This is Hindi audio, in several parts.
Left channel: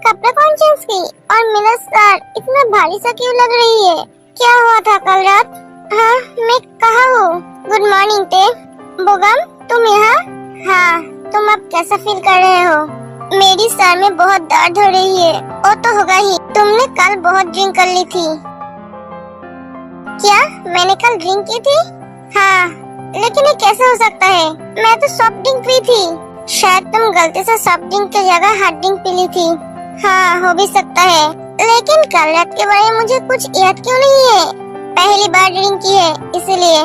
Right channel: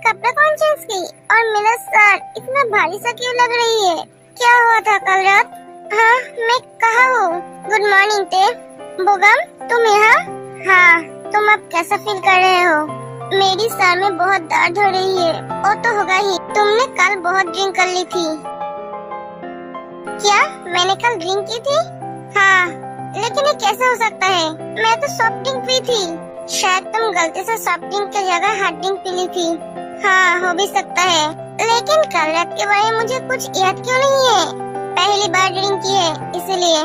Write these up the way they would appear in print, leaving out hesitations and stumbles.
कपड़े कौन चेंज की? और मेरा सर इतना भारी सा क्यों लग रही है? क्या हुआ था कल रात? हाँ, मैं कहाँ हूँ? गुड मॉर्निंग ते। बोगम, तुम यहाँ? हाँ, तुम अब कैसा फील कर रहे हो? मेरी सर में बहुत दर्द हो रही है। वो तो होगा ही, तुमने कल बहुत ड्रिंक कर ली थी। क्या मैंने कल ड्रिंक की थी? हाँ, लेकिन ये कैसे हो सकता है? मैं तो सॉफ्ट ड्रिंक पी थी। शायद तुम गलती से सॉफ्ट ड्रिंक की जगह हार्ड ड्रिंक पी ली थी। हाँ, हो भी सकता है, लेकिन कल रात के बारे में मुझे कुछ याद क्यों नहीं है? पहली बार ड्रिंक की है इसीलिए।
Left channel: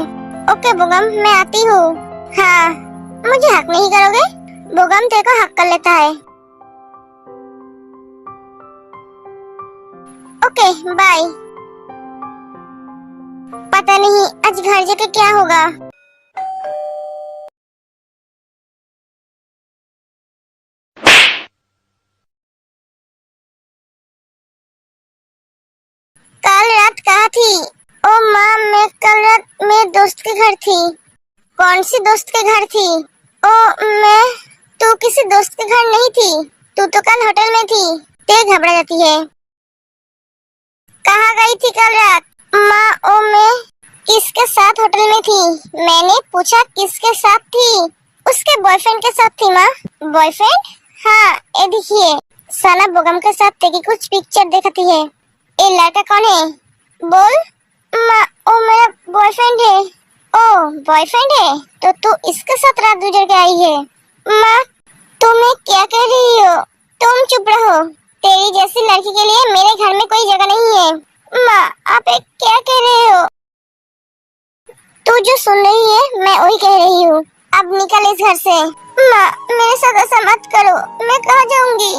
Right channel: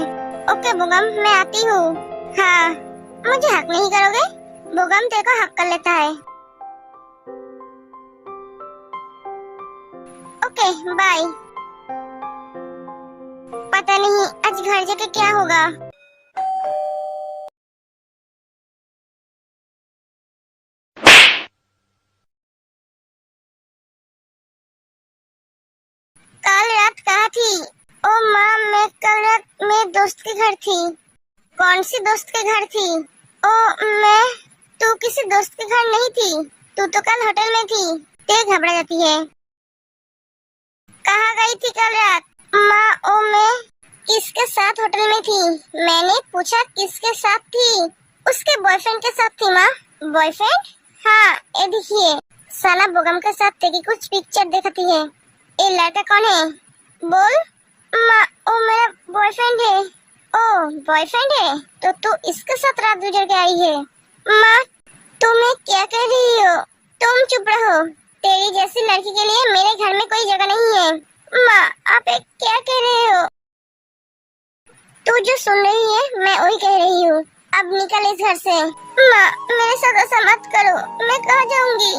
ओके बोगम, मैं आती हूँ। हाँ, मुझे हक नहीं करोगे? बोगम तेरे को हक कर लेता है। Okay bye. पता नहीं आज घर जाके क्या होगा। कल रात कहाँ थी? ओ माँ, मैं कल रात मेरे दोस्त के घर थी। कौन सी दोस्त के घर थी? ओ मैं, तू किसी दोस्त के घर नहीं थी। तू तो कल होटल में थी। ते घबरा जाती है। कहाँ गई थी कल रात? माँ, ओ मैं किसके साथ होटल में थी? मैंने पूछा किसके साथ थी? उसके बॉयफ्रेंड के साथ थी माँ। बॉयफ्रेंड? हाँ, ये देखिए, साना बोगम के साथ तेरी कुछ पिक्चर देखती है। ये लड़का कौन है? बोल। माँ, ओ मेरा बॉयफ्रेंड है। ओ बॉयफ्रेंड है, तो तू इसके साथ रात गुजर के आई है? माँ, तुम्हें क्या कह रही हो? तुम चुप रहो। तेरी जैसी लड़की के लिए मेरे घर में कोई जगह नहीं है। माँ, आप एक क्या कह रहे हो? तू जो सुन रही है मैं वही कह रही हूँ। अब निकल इस घर से। माँ, मेरे साथ ऐसा मत करो। मैं कहाँ जाऊँगी?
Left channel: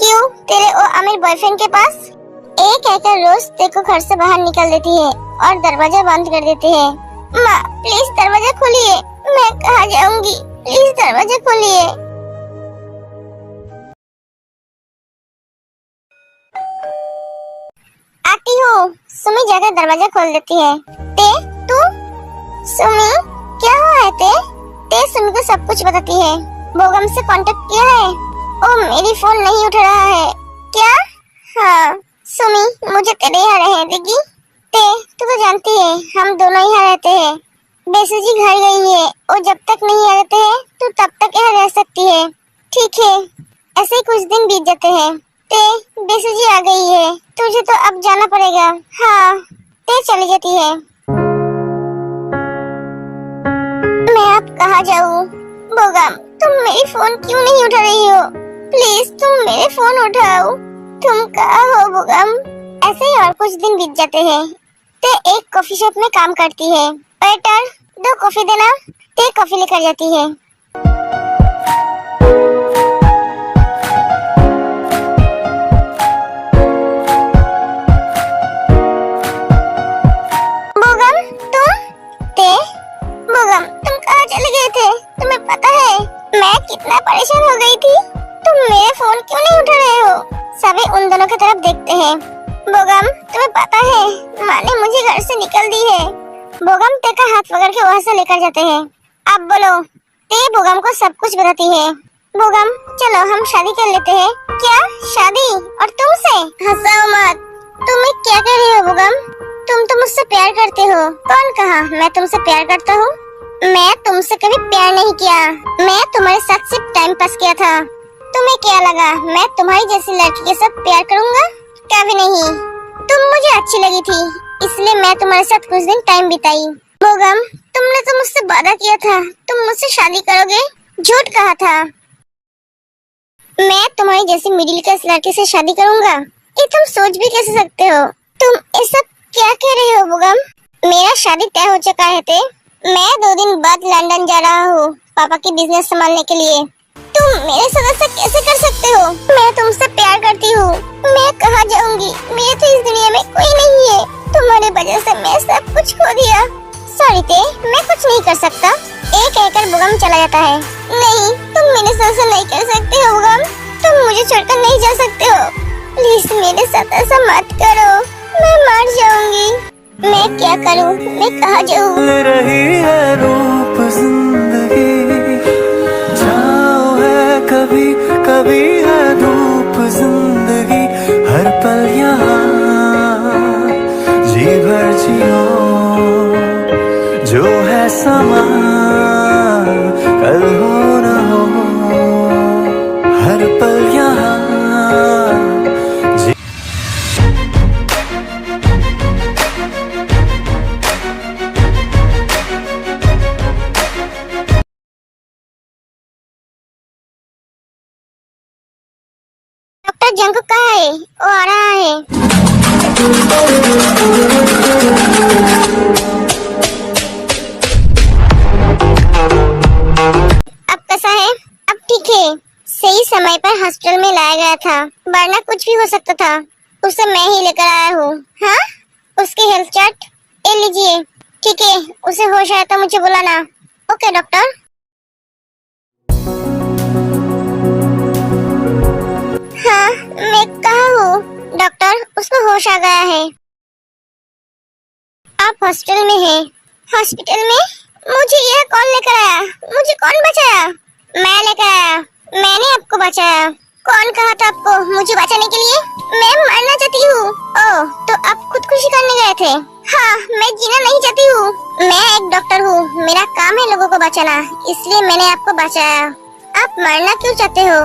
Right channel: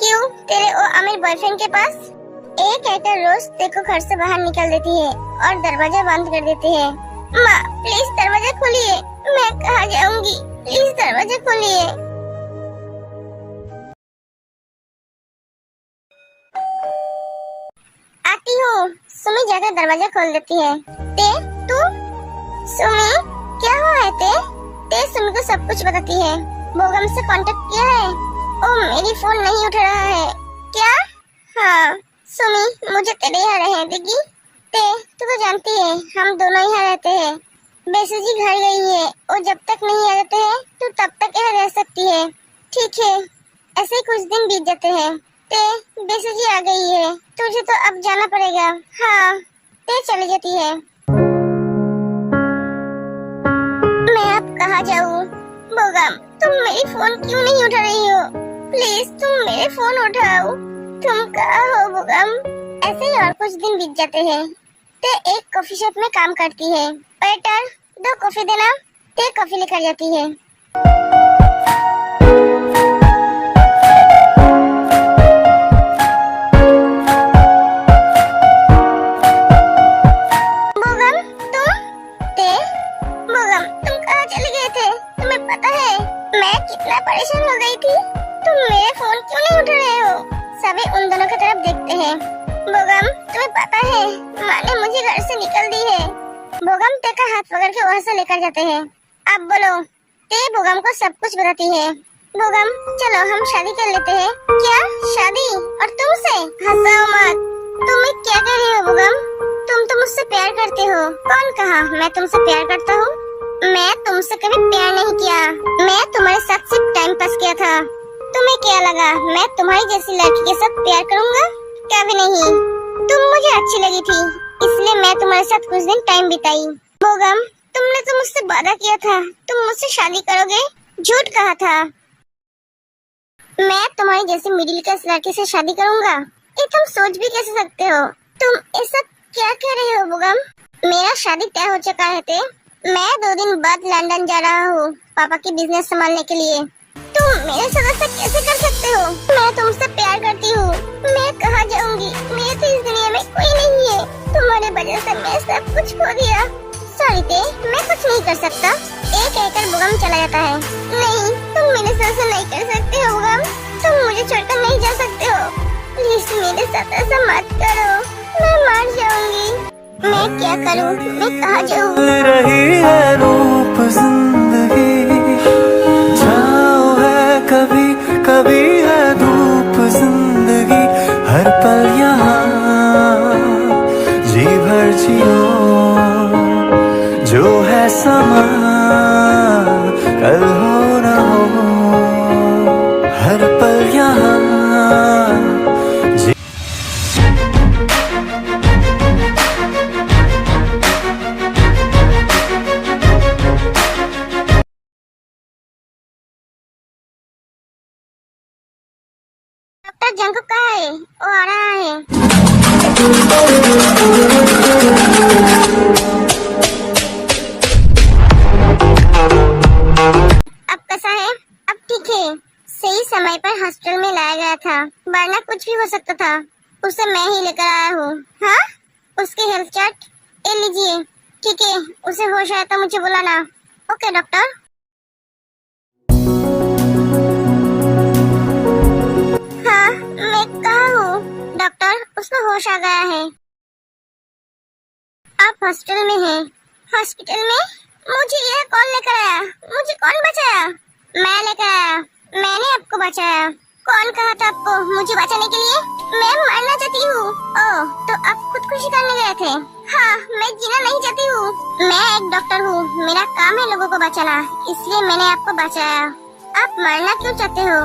क्यों, तेरे वो अमीर बॉयफ्रेंड के पास? एक कहकर रोज तेरे को घर से बाहर निकल देती है और दरवाजा बंद कर देती है। माँ, प्लीज दरवाजा खोलिए। मैं कहाँ जाऊँगी? प्लीज दरवाजा खोलिए। आती हूँ। सुमी जाकर दरवाजा खोल देती है। ते, तू? सुमी, क्या हुआ है ते? ते सुमी को सब कुछ बताती है। बोगम से कांटेक्ट किया है? ओ मेरी फोन नहीं उठ रहा है। क्या? हाँ सुमी, मुझे तेरे यहाँ रहने देगी? ते, तू तो जानती है हम दोनों यहाँ रहते हैं। बेसू जी घर गई है, वो जब तक नहीं आ जाते हैं तू तब तक यहाँ रह सकती है। ठीक है। ऐसे ही कुछ दिन बीत जाते हैं। ते, बेसू जी आ गई है, तुझे तो अब जाना पड़ेगा। हाँ, ते चली जाती है। मैं अब कहाँ जाऊँ? बोगम, तुम मेरी फोन क्यों नहीं उठा रही हो? प्लीज तुम मेरे फोन उठाओ। तुम कहाँ हो बोगम? ऐसे ही और कुछ दिन बीत जाते हैं। ते एक कॉफी शॉप में काम करती है। वेटर, 2 कॉफी देना। ते कॉफी लेकर जाती है। बोगम, तुम? ते, बोगम, तुम कहाँ चले गए थे? तुम्हें पता है मैं कितना परेशान हो गई थी? तुम मेरे फोन क्यों नहीं उठा रहे हो? सभी उन दोनों की तरफ देखते हैं। बोगम, तुम्हें पता है माँ ने मुझे घर से निकल दी है। बोगम ते का हाथ पकड़ के वहाँ से लेकर जाते हैं। अब बोलो। ते बोगम को सब कुछ बताती है। बोगम, चलो हम शादी कर लेते हैं। क्या शादी? और तुमसे? हंसाओ मत। तुम क्या कह रही हो बोगम? तुम तो मुझसे प्यार करते हो। कौन कहा मैं तुमसे प्यार करता हूँ? मैं तुमसे कभी प्यार नहीं किया। मैं तुम्हारे साथ सिर्फ टाइम पास किया था। तुम्हें क्या लगा मैं तुम्हारी जैसी लड़की के साथ प्यार करूँगा? कभी नहीं। तुम मुझे अच्छी लगी थी, इसलिए मैं तुम्हारे साथ कुछ दिन टाइम बिताई। बोगम, तुमने तो मुझसे वादा किया था तुम मुझसे शादी करोगे। झूठ कहा था। मैं तुम्हारी जैसी मिडिल क्लास लड़की से शादी करूँगा? ये तुम सोच भी कैसे सकते हो? तुम ये सब क्या कह रहे हो बोगम? मेरा शादी तय हो चुका है ते। मैं 2 दिन बाद लंदन जा रहा हूँ पापा की बिजनेस संभालने के लिए। तुम मेरे साथ ऐसा कैसे कर सकते हो? मैं तुमसे प्यार करती हूँ। मैं कहाँ जाऊँगी? मेरे तो इस दुनिया में कोई नहीं है। तुम्हारी वजह से मैं सब कुछ खो दिया। सॉरी ते, मैं कुछ नहीं कर सकता। एक कहकर बोगम चला जाता है। नहीं, तुम मेरे साथ ऐसा नहीं कर सकते हो बोगम। तुम मुझे छोड़कर नहीं जा सकते हो। प्लीज मेरे साथ ऐसा मत करो, मैं मर जाऊंगी। मैं क्या करूं? मैं कहाँ जाऊं? रही है रूप जिंदगी, छाँव है कभी कभी है धूप जिंदगी हर पल यहाँ जी भर जियो, जो है समा कल हो न हो, हर पल यहाँ जी। डॉक्टर जंकुक कहाँ है? वो आ रहा है। अब कैसा है? अब ठीक है। सही समय पर हॉस्पिटल में लाया गया था, वरना कुछ भी हो सकता था। उसे मैं ही लेकर आया हूँ। हाँ, उसकी हेल्थ चार्ट ये लीजिए। ठीक है, उसे होश आया तो मुझे बुलाना। Okay doctor. हाँ, मैं कहाँ हूँ? डॉक्टर, उसको होश आ गया है। आप हॉस्पिटल में हैं। हॉस्पिटल में? मुझे यह कौन लेकर आया? मुझे कौन बचाया? मैं लेकर आया। मैंने आपको बचाया। कौन कहा था आपको मुझे बचाने के लिए? मैं मरना चाहती हूँ। ओह, तो आप खुदकुशी करने गए थे? हाँ, मैं जीना नहीं चाहती हूँ। मैं एक डॉक्टर हूँ, मेरा काम है लोगों को बचाना, इसलिए मैंने आपको बचाया। आप मरना क्यों चाहते हो?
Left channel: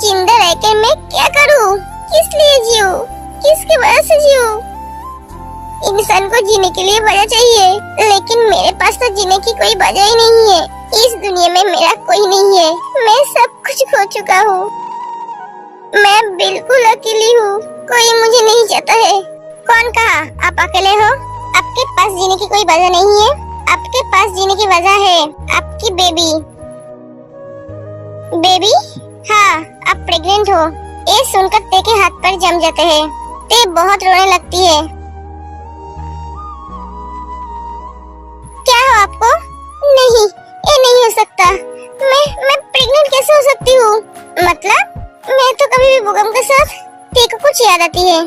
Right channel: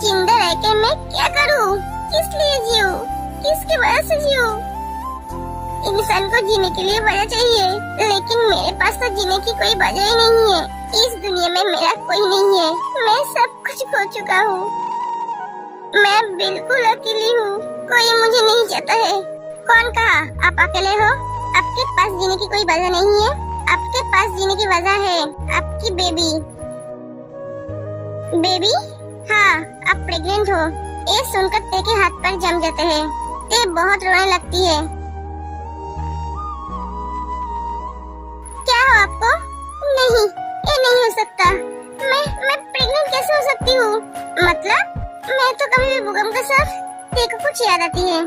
जिंदा रहकर मैं क्या करूँ? किस लिए जीऊँ? किसकी वजह से जीऊँ? इंसान को जीने के लिए वजह चाहिए, लेकिन मेरे पास तो जीने की कोई वजह ही नहीं है। इस दुनिया में मेरा कोई नहीं है। मैं सब कुछ खो चुका हूँ। मैं बिल्कुल अकेली हूँ। कोई मुझे नहीं चाहता है। कौन कहा आप अकेले हो? आपके पास जीने की कोई वजह नहीं है। आपके पास जीने की वजह है आपकी बेबी। बेबी? हाँ, आप प्रेग्नेंट हो। ये सुनकर ते के हाथ पर जम जाते हैं। ते बहुत रोने लगती है। क्या हो आपको? नहीं, ये नहीं हो सकता। मैं प्रेग्नेंट कैसे हो सकती हूँ? मतलब मैं तो कभी भी बुगम के साथ। ते को कुछ याद आती है।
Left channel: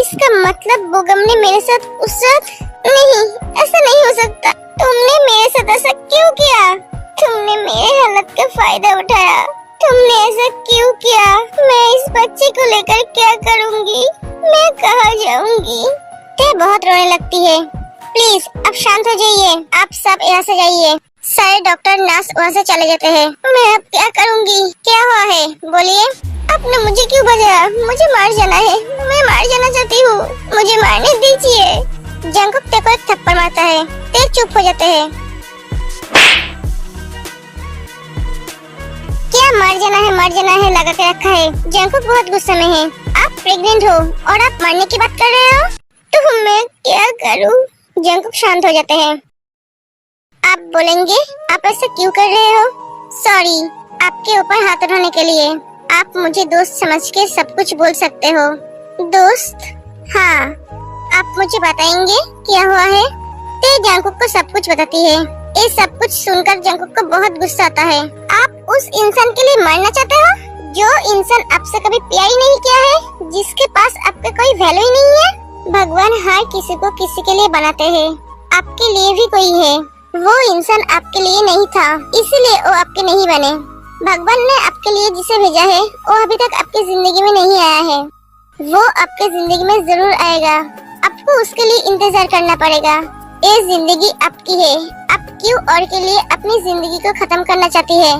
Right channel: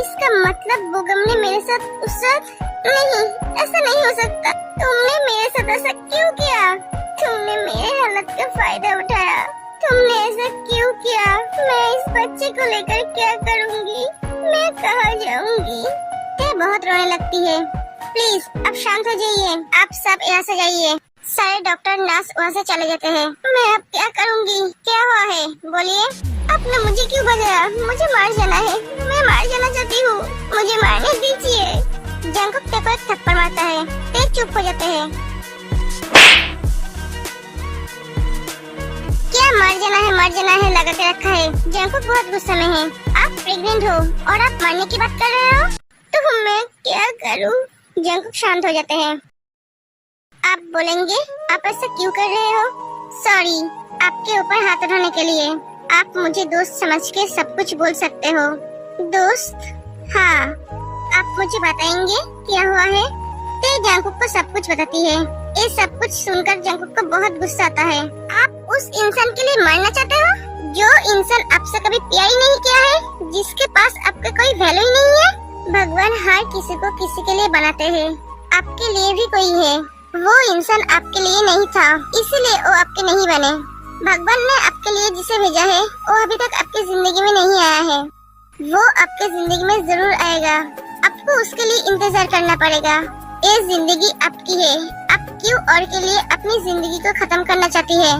इसका मतलब बुगम ने मेरे साथ उस रात? नहीं, ऐसा नहीं हो सकता। तुमने मेरे साथ ऐसा क्यों किया? तुमने मेरे हालत का फायदा उठाया। तुमने ऐसा क्यों किया? मैं इस बच्चे को लेकर क्या करूँगी? मैं कहाँ जाऊँगी? ते बहुत रोने लगती है। प्लीज आप शांत हो जाइए। आप सब यहाँ से जाइए। सारे डॉक्टर नर्स वहाँ से चले जाते हैं। मैं अब क्या करूँगी? क्या हुआ है? बोलिए। आपने मुझे क्यों बचाया? मुझे मार जाना है। मैं मार जाना चाहती हूँ। मुझे मारने दीजिए। जंकुक ते को एक थप्पड़ मारता है। ते चुप हो जाते हैं। क्या मर जाना है लगा के रखा है। जंकुक बहुत गुस्से में है। आप प्रेग्नेंट हो और आप मरने की बात कर रहे हो? तो मैं क्या करूँ? जंकुक शांत हो जाते हैं। आप बोलेंगे आप ऐसा क्यों कर रहे हो? सॉरी, आपके ऊपर हाथ उठाने के लिए। आप मुझे दोस्त समझ के सब कुछ बोल सकते हो। दोस्त? हाँ, आप मुझे बताएंगे क्या हुआ है? ते जंकुक को सब कुछ बताती है। ये सब कुछ सुनकर जंकुक को बहुत गुस्सा आता है। आप उस इंसान के लिए मरना चाहते हो जो इंसान आपसे कभी प्यार ही नहीं किया है, जिसके पास आपका कोई वैल्यू ही नहीं है। भगवान हर किसी को किसी के लिए बनाते हैं। आपके लिए भी कोई है। वो इंसान आपके लिए नहीं था, इसीलिए वो आपके नहीं बने। भगवान ने आपके लिए जिसे भेजा है वो अभी तक आपकी जिंदगी में नहीं आया है। वो आपके जिंदगी में जरूर आएगा। आपको उसके लिए इंतजार करना पड़ेगा। ये जिंदगी आपकी है। आप क्यों और के लिए अपनी जिंदगी को खत्म करना चाहती है?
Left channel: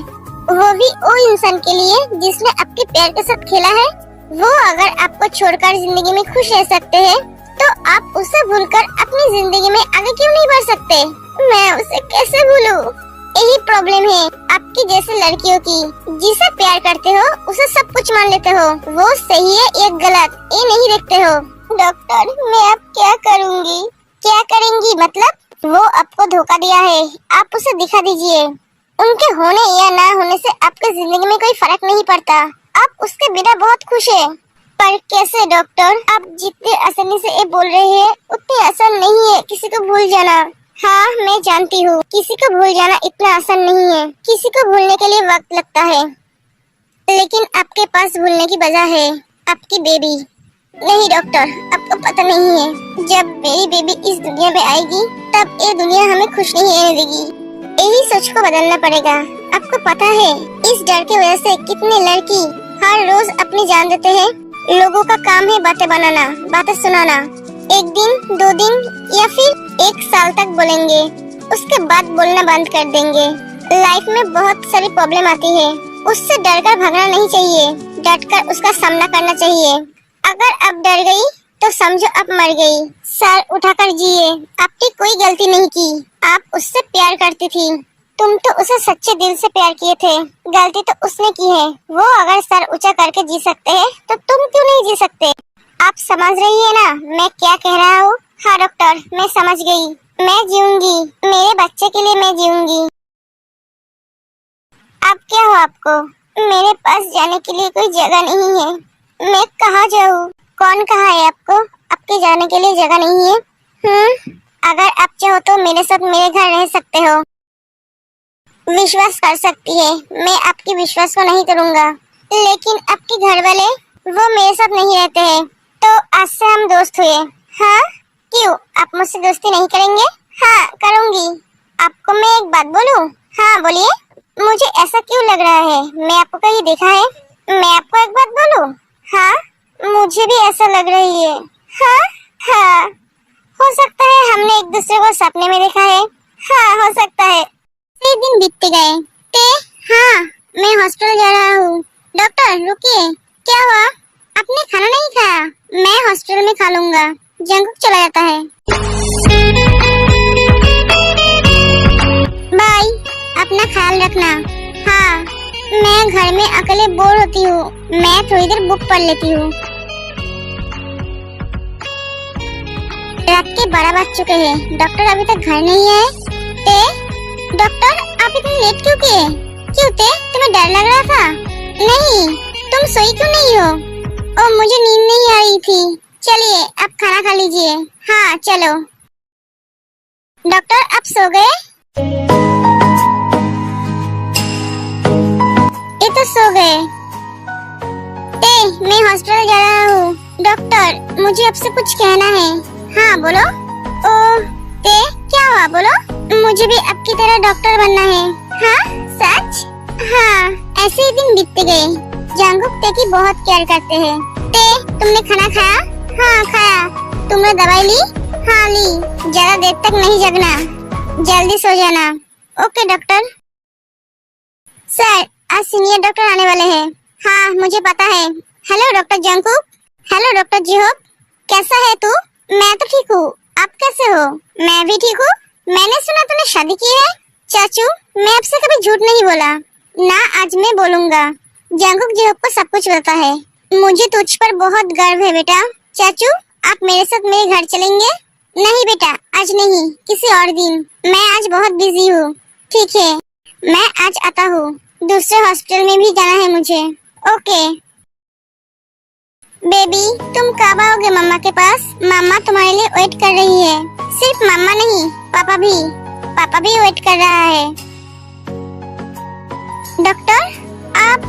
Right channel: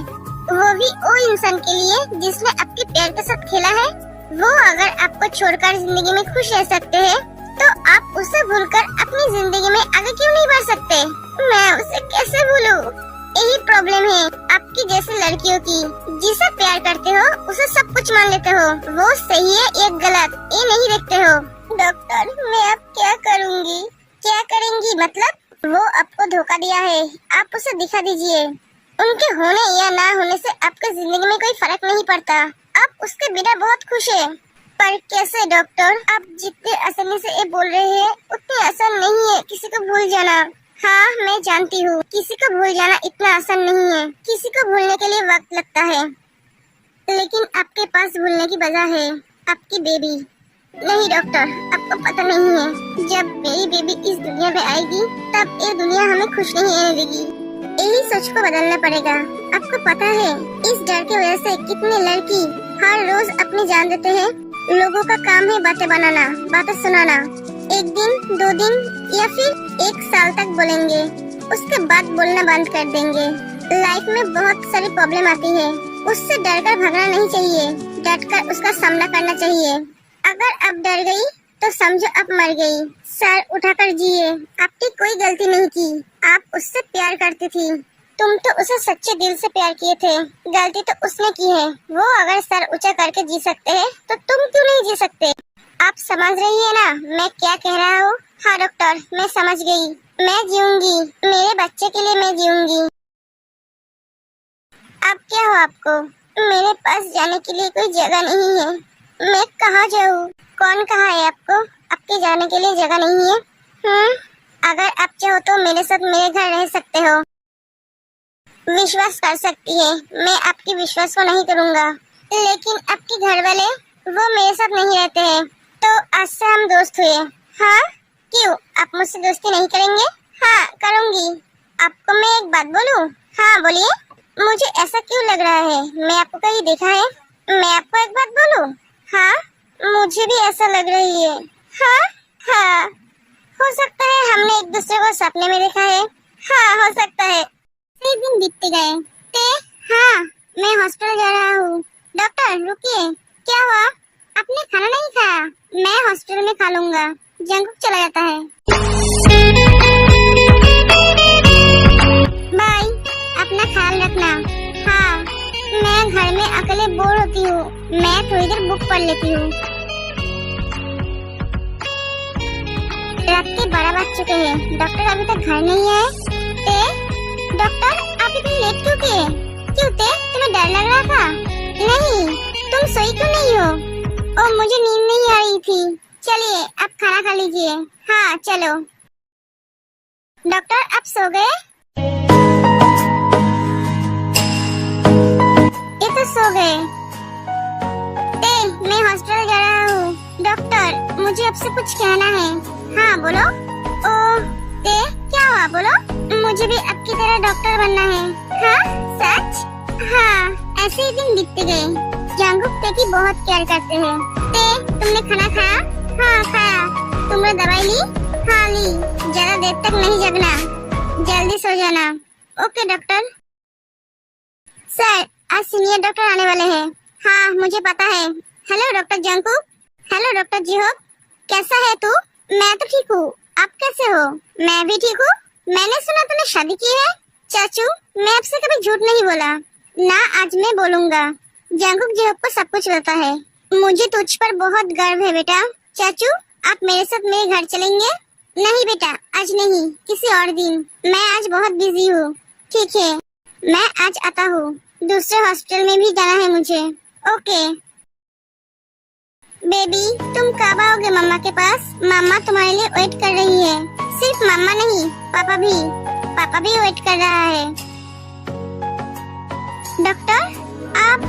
वो भी वो इंसान के लिए जिसने आपके प्यार के साथ खेला है। वो अगर आपको छोड़कर जिंदगी में खुश रह सकते हैं, तो आप उसे भूलकर अपनी जिंदगी में आगे क्यों नहीं बढ़ सकते? मैं उसे कैसे भूलूं? यही प्रॉब्लम है आपकी जैसी लड़कियों की। जिसे प्यार करते हो उसे सब कुछ मान लेते हो। वो सही है या गलत ये नहीं देखते हो। डॉक्टर, मैं अब क्या करूँगी? क्या करेंगी मतलब? वो आपको धोखा दिया है, आप उसे दिखा दीजिए। उनके होने या ना होने से आपकी जिंदगी में कोई फर्क नहीं पड़ता। आप उसके बिना बहुत खुश है। पर कैसे डॉक्टर? आप जितने आसानी से ये बोल रहे हैं उतने आसान नहीं है किसी को भूल जाना। हाँ, मैं जानती हूँ किसी को भूल जाना इतना आसान नहीं है। किसी को भूलने के लिए वक्त लगता है, लेकिन आपके पास भूलने की वजह है आपकी बेबी। नहीं डॉक्टर, आपको पता नहीं है, जब मेरी बेबी इस दुनिया में आएगी तब ये दुनिया हमें खुश नहीं रहने देगी। यही सोच को बदलना पड़ेगा। आपको पता है इस डर की वजह से कितने लड़की हर रोज अपनी जान देते हैं। लोगों का काम है बातें बनाना, बातें सुनाना। एक दिन, 2 दिन या फिर 1 साल तक बोलेंगे, उसके बाद बोलना बंद कर देंगे। लाइफ में बहुत सारी प्रॉब्लम आती है, उससे डरकर भागना नहीं चाहिए, डटकर उसका सामना करना चाहिए। अगर अब डर गई तो समझो अब मर गई। सर उठाकर जिए, आपकी कोई गलती नहीं की, आप उससे प्यार करती थी। तुम तो उसे सच्चे दिल से प्यार किए थे, गलती तो उसने की है। वो अगर सर ऊंचा करके जी सकते हैं तो तुम क्यों नहीं जी सकते? आप समझ रही है ना मैं क्या कह रहा हूँ? हाँ डॉक्टर, मैं समझ गई। मैं जीऊंगी, मेरे बच्चे के लिए मैं जीऊंगी। अब क्या हो आपको? मेरे पास जाने के लिए कोई जगह नहीं है, मैं कहाँ जाऊँ? कौन कहा है आपको आपके जाने के लिए जगह नहीं है? अगर आप चाहो तो मेरे साथ मेरे घर रह सकते हो। विश्वास कर सकती है, मैं आपके विश्वास को नहीं करूँगा, लेकिन आपके घर वाले वो मेरे साथ नहीं रहते हैं, तो आज से हम दोस्त हुए। हाँ क्यों, आप मुझसे दोस्ती नहीं करेंगे? हाँ करूँगी। आपको मैं एक बात बोलूँ? हाँ बोलिए। मुझे ऐसा क्यों लग रहा है, मैं आपको कहीं देखा है? मैं आपको एक बात बोलूँ? हाँ मुझे भी ऐसा लग रही है। हाँ हाँ, हो सकता है हमने एक दूसरे को सपने में देखा है। हाँ हो सकता है। 6 दिन बीतते गए। हाँ मैं हॉस्पिटल जा रहा हूँ। डॉक्टर रुकिए, क्या हुआ? आपने खाना नहीं खाया? मैं हॉस्पिटल में खा लूंगा। जंकुक चला जाता है। बाय, अपना ख्याल रखना। हाँ मैं घर में अकेले बोर होती हूँ, मैं थोड़ी देर बुक पढ़ लेती हूँ। रात के 12 बज चुके हैं, डॉक्टर अभी तक घर नहीं आए। डॉक्टर आप इतनी लेट क्यों किए? क्यों तुम्हें डर लग रहा था? नहीं, तुम सोई क्यों नहीं हो? ओ मुझे नींद नहीं आ रही थी। चलिए आप खाना खा लीजिए। हाँ चलो। डॉक्टर आप सो गए? ये तो सो गए। मैं हॉस्पिटल जा रहा हूँ। डॉक्टर मुझे आपसे कुछ कहना है। हाँ बोलो। ओ क्या हुआ बोलो? मुझे भी आपकी तरह डॉक्टर बनना है। हाँ सच? हाँ ऐसे ही दिन बीतते गए। जंकुक ते की बहुत केयर करते हैं। तुमने खाना खाया? हाँ खाया। तुमने दवाई ली? हाँ ली। ज्यादा देर तक नहीं जगना, जल्दी सो जाना। Okay doctor. सर आज सीनियर डॉक्टर आने वाले हैं। हाँ मुझे पता है। Hello doctor Jungkook. Hello doctor Jihyuk, कैसा है तू? मैं तो ठीक हूँ, आप कैसे हो? मैं भी ठीक हूँ। मैंने सुना तूने शादी की है। चाचू मैं आपसे कभी झूठ नहीं बोला ना, आज मैं बोलूँगा। जंकुक जिहोक को सब कुछ पता है। मुझे तुझ पर बहुत गर्व है बेटा। चाचू आप मेरे साथ मेरे घर चलेंगे? नहीं बेटा आज नहीं, किसी और दिन। मैं आज बहुत बिजी हूँ। ठीक है मैं आज आता हूँ, दूसरे हॉस्पिटल में भी जाना है मुझे। ओके बेबी, तुम कब आओगे मम्मा के पास? मम्मा तुम्हारे लिए वेट कर रही है। सिर्फ मम्मा नहीं, पापा भी वेट कर रहा है। डॉक्टर आप?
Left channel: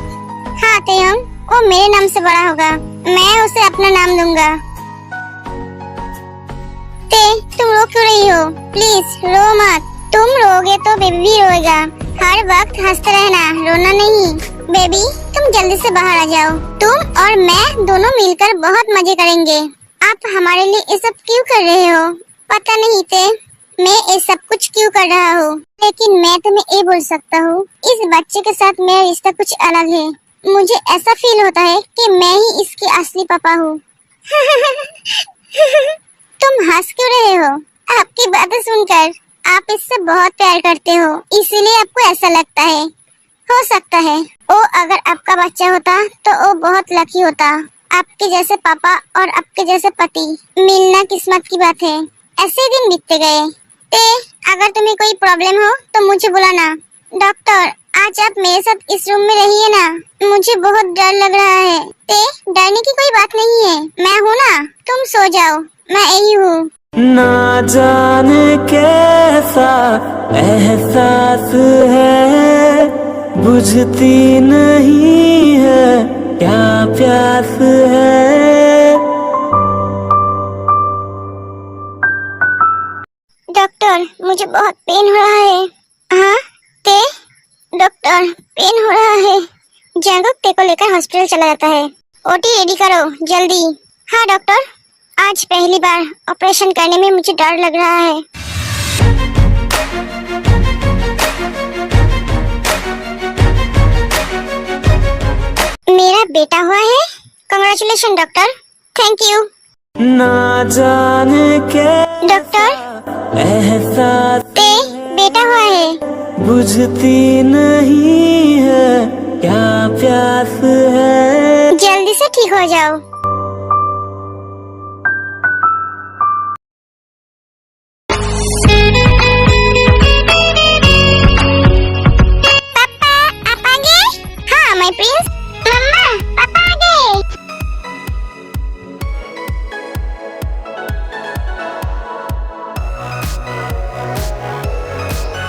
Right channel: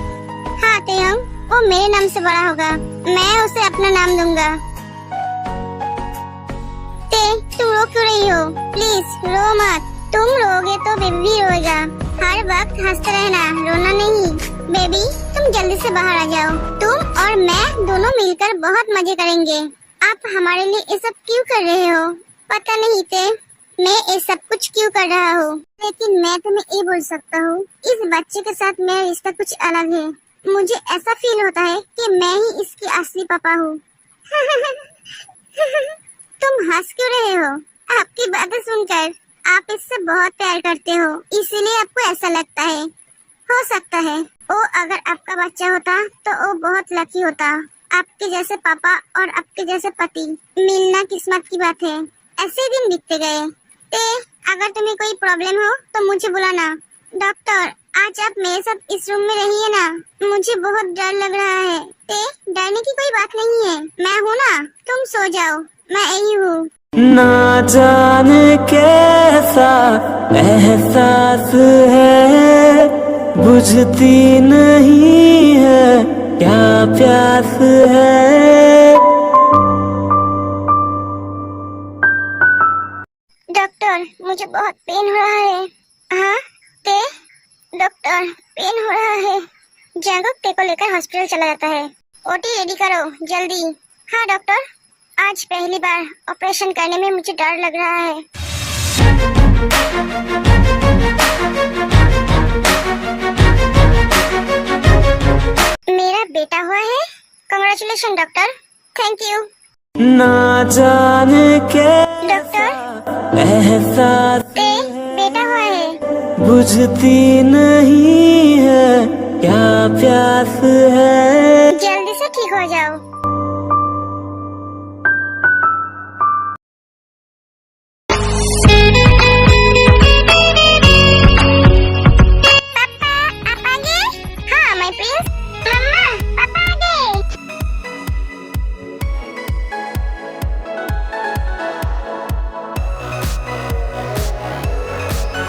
हाँ तेयंग, वो मेरे नाम से बड़ा होगा, मैं उसे अपना नाम दूंगा। तुम रो क्यों रही हो? प्लीज रो मत, तुम रोगे तो बेबी भी रोएगा। हर वक्त हंसते रहना, रोना नहीं। बेबी तुम जल्दी से बाहर आ जाओ, तुम और मैं दोनों मिलकर बहुत मजे करेंगे। आप हमारे लिए ये सब क्यों कर रहे हो? पता नहीं मैं ये सब कुछ क्यों कर रहा हूँ, लेकिन मैं तुम्हें ये बोल सकता हूँ, इस बच्चे के साथ मेरा रिश्ता कुछ अलग है। मुझे ऐसा फील होता है कि मैं ही इसकी असली पापा हूँ। तुम हंस क्यों रहे हो? आपकी बातें सुनकर आप इससे बहुत प्यार करते हो, इसीलिए आपको ऐसा लगता है। हो सकता है वो अगर आपका बच्चा होता तो वो बहुत लकी होता। आपके जैसे पापा और आपके जैसे पति मिलना किस्मत की बात है। ऐसे ही दिन बीतते गए। अगर तुम्हें कोई प्रॉब्लम हो तो मुझे बुलाना। डॉक्टर आज आप मेरे साथ इस रूम में रहिए ना, मुझे बहुत डर लग रहा है। डरने की कोई बात नहीं है, मैं हूँ ना, तुम सो जाओ, मैं यही हूँ। ना जाने कैसा एहसास है, बुझती नहीं है क्या प्यास है। डॉक्टर मुझे बहुत पेन हो रहा है। हाँ डॉक्टर पेन हो रहा है। जंकुक ते को लेकर हॉस्पिटल चला जाता है। ओटी रेडी करो जल्दी। हाँ डॉक्टर, आज पहली बार ऑपरेशन करने में मुझे डर लग रहा है। मेरा बेटा हुआ है। Congratulation doctor. Thank you. ना जाने के डॉक्टर एहसास ते बेटा हुआ है। बुझती नहीं है क्या प्यास है। जल्दी से ठीक हो जाओ। पापा आप आ गए? हाँ माय प्रिंस। मम्मा पापा आ गए।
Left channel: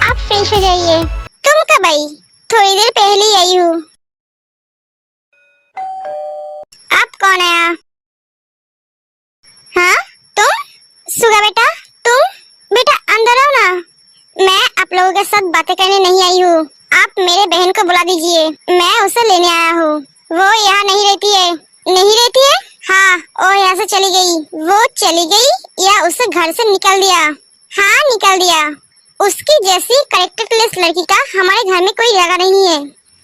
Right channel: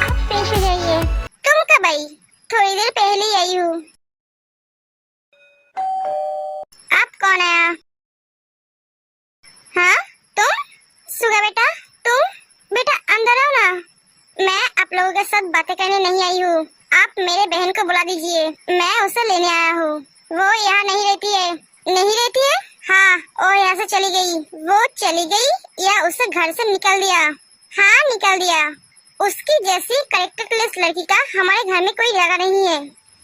आप फ्रेश हो जाइए। तुम कब आई? थोड़ी देर पहले ही आई हूँ। आप कौन आया? हाँ तुम? सुगा बेटा तुम? बेटा अंदर आओ ना। मैं आप लोगों के साथ बातें करने नहीं आई हूँ। आप मेरे बहन को बुला दीजिए, मैं उसे लेने आया हूँ। वो यहाँ नहीं रहती है। नहीं रहती है? हाँ वो यहाँ से चली गई। वो चली गई या उसे घर से निकाल दिया? हाँ निकाल दिया। उसकी जैसी कैरेक्टरलेस लड़की का हमारे घर में कोई जगह नहीं है।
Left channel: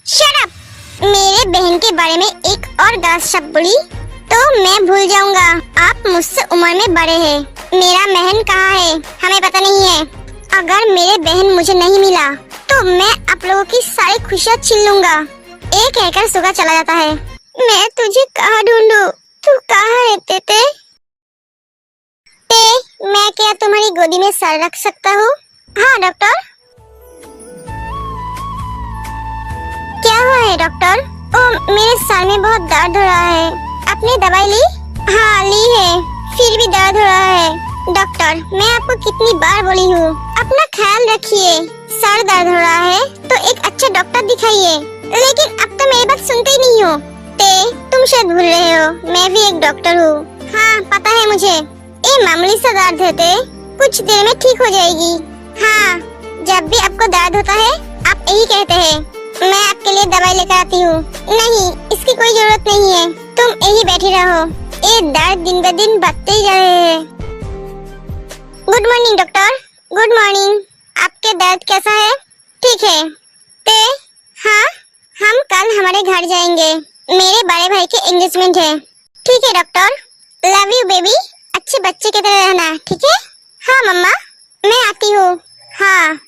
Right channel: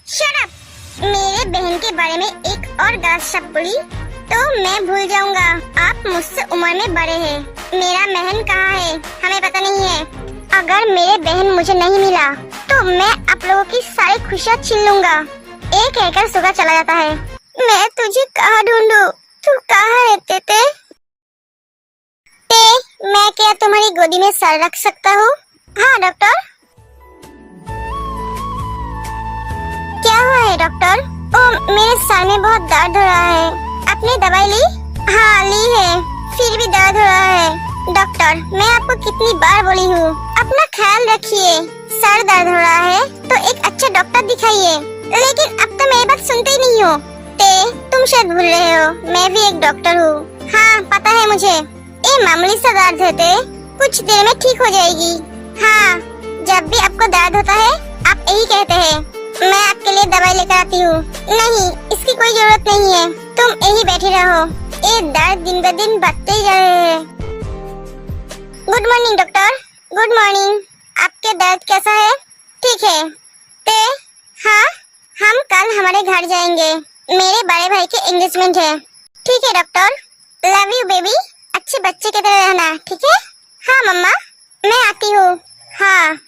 Shut up. मेरे बहन के बारे में एक और गलत शब्द बोली तो मैं भूल जाऊंगा। आप मुझसे उम्र में बड़े हैं। मेरा बहन कहाँ है हमें पता नहीं है। अगर मेरे बहन मुझे नहीं मिला तो मैं आप लोगों की सारी खुशियाँ छीन लूंगा। एक कहकर सुगा चला जाता है। मैं तुझे कहाँ ढूंढूं? तू कहाँ है तेते? मैं क्या तुम्हारी गोदी में सर रख सकता हूँ? हाँ डॉक्टर। क्या हुआ है डॉक्टर? ओ मेरे सर में बहुत दर्द हो रहा है। आपने दवाई ली? हाँ ली है, फिर भी दर्द हो रहा है। डॉक्टर मैं आपको कितनी बार बोली हूँ अपना ख्याल रखिए। सर दर्द हो रहा है तो एक अच्छा डॉक्टर दिखाइए, लेकिन अब तो मेरी बात सुनते ही नहीं हो। तुम शायद भूल रहे हो मैं भी एक डॉक्टर हूँ। हाँ पता है मुझे। ये मामूली सा दर्द होते कुछ देर में ठीक हो जाएगी। हाँ जब भी आपको दर्द होता है आप यही कहते हैं मैं आपके लिए दवाई लेकर आती हूँ। नहीं इसकी कोई जरूरत नहीं है, तुम यही बैठे रहो। ये दर्द दिन ब दिन बढ़ते ही जा रहे हैं। Good morning doctor. Good morning. आपके दर्द कैसा है? ठीक है। हाँ हम कल हमारे घर जाएंगे, मेरे बड़े भाई के एंगेजमेंट है। ठीक है डॉक्टर। Love you baby. अच्छे बच्चे की तरह रहना ठीक है? हाँ मम्मा मैं आती हूँ। हाँ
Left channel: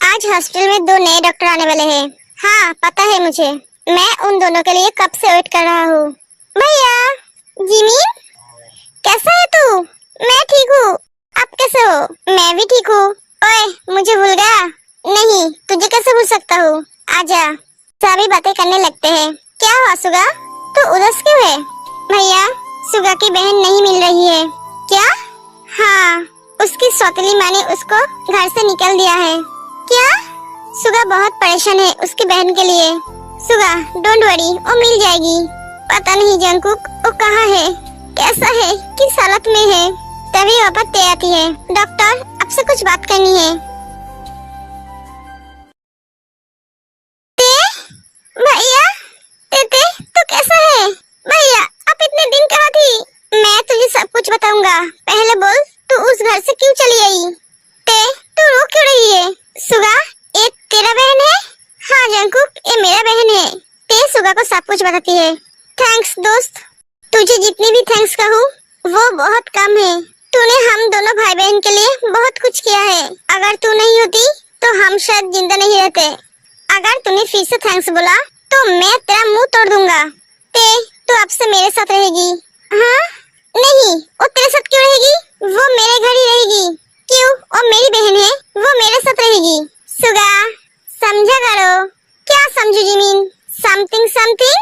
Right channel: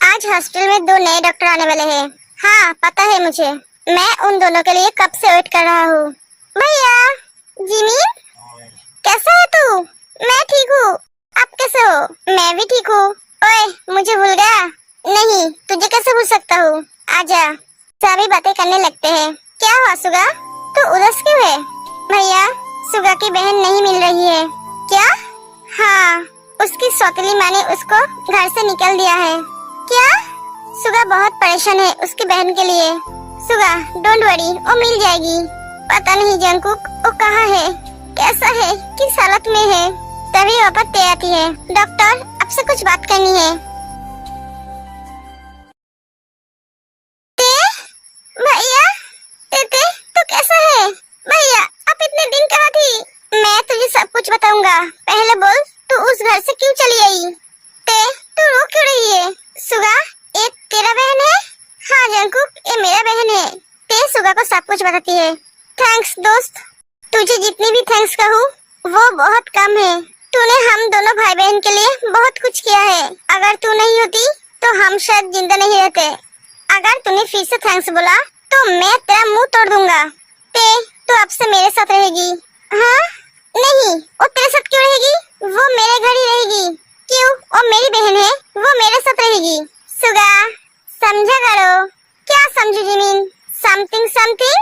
आज हॉस्पिटल में 2 नए डॉक्टर आने वाले हैं। हाँ पता है मुझे, मैं उन दोनों के लिए कब से वेट कर रहा हूँ। भैया जिमी कैसा है तू? मैं ठीक हूँ, आप कैसे हो? मैं भी ठीक हूँ। ओए मुझे भूल गया? नहीं तुझे कैसे भूल सकता हूँ, आजा। सभी बातें करने लगते हैं। क्या हुआ सुगा, तू उदास क्यों है? भैया सुगा की बहन नहीं मिल रही है। क्या? हाँ उसकी सौतेली माँ ने उसको घर से निकाल दिया है। क्या? सुगा बहुत परेशान है उसकी बहन के लिए। सुगा डोंट वरी वो मिल जाएगी। पता नहीं जंकुक वो कहाँ है, कैसा है, किस हालत में है। तभी वापस ते आती है। डॉक्टर आपसे कुछ बात करनी है। भैया ते तू कैसा है? भैया आप इतने दिन कहाँ थी? मैं तुझे सब कुछ बताऊंगा, पहले बोल तू उस घर से क्यों चली आई? तू रो क्यों रही है? सुगा ये तेरा बहन है? हाँ जंकुक ये मेरा बहन है। ते सुगा को सब कुछ बताती है। थैंक्स दोस्त, तुझे जितनी भी थैंक्स कहूँ वो बहुत कम है। तूने हम दोनों भाई बहन के लिए बहुत कुछ किया है। अगर तू नहीं होती तो हम शायद जिंदा नहीं रहते। अगर तूने फिर से थैंक्स बोला तो मैं तेरा मुंह तोड़ दूंगा। तू अब से मेरे साथ रहेगी। हाँ नहीं वो तेरे साथ क्यों रहेगी? वो मेरे घर ही रहेगी। क्यों? वो मेरी बहन है, वो मेरे साथ रहेगी। सुगा समझा करो। क्या समझू Jimin? Something something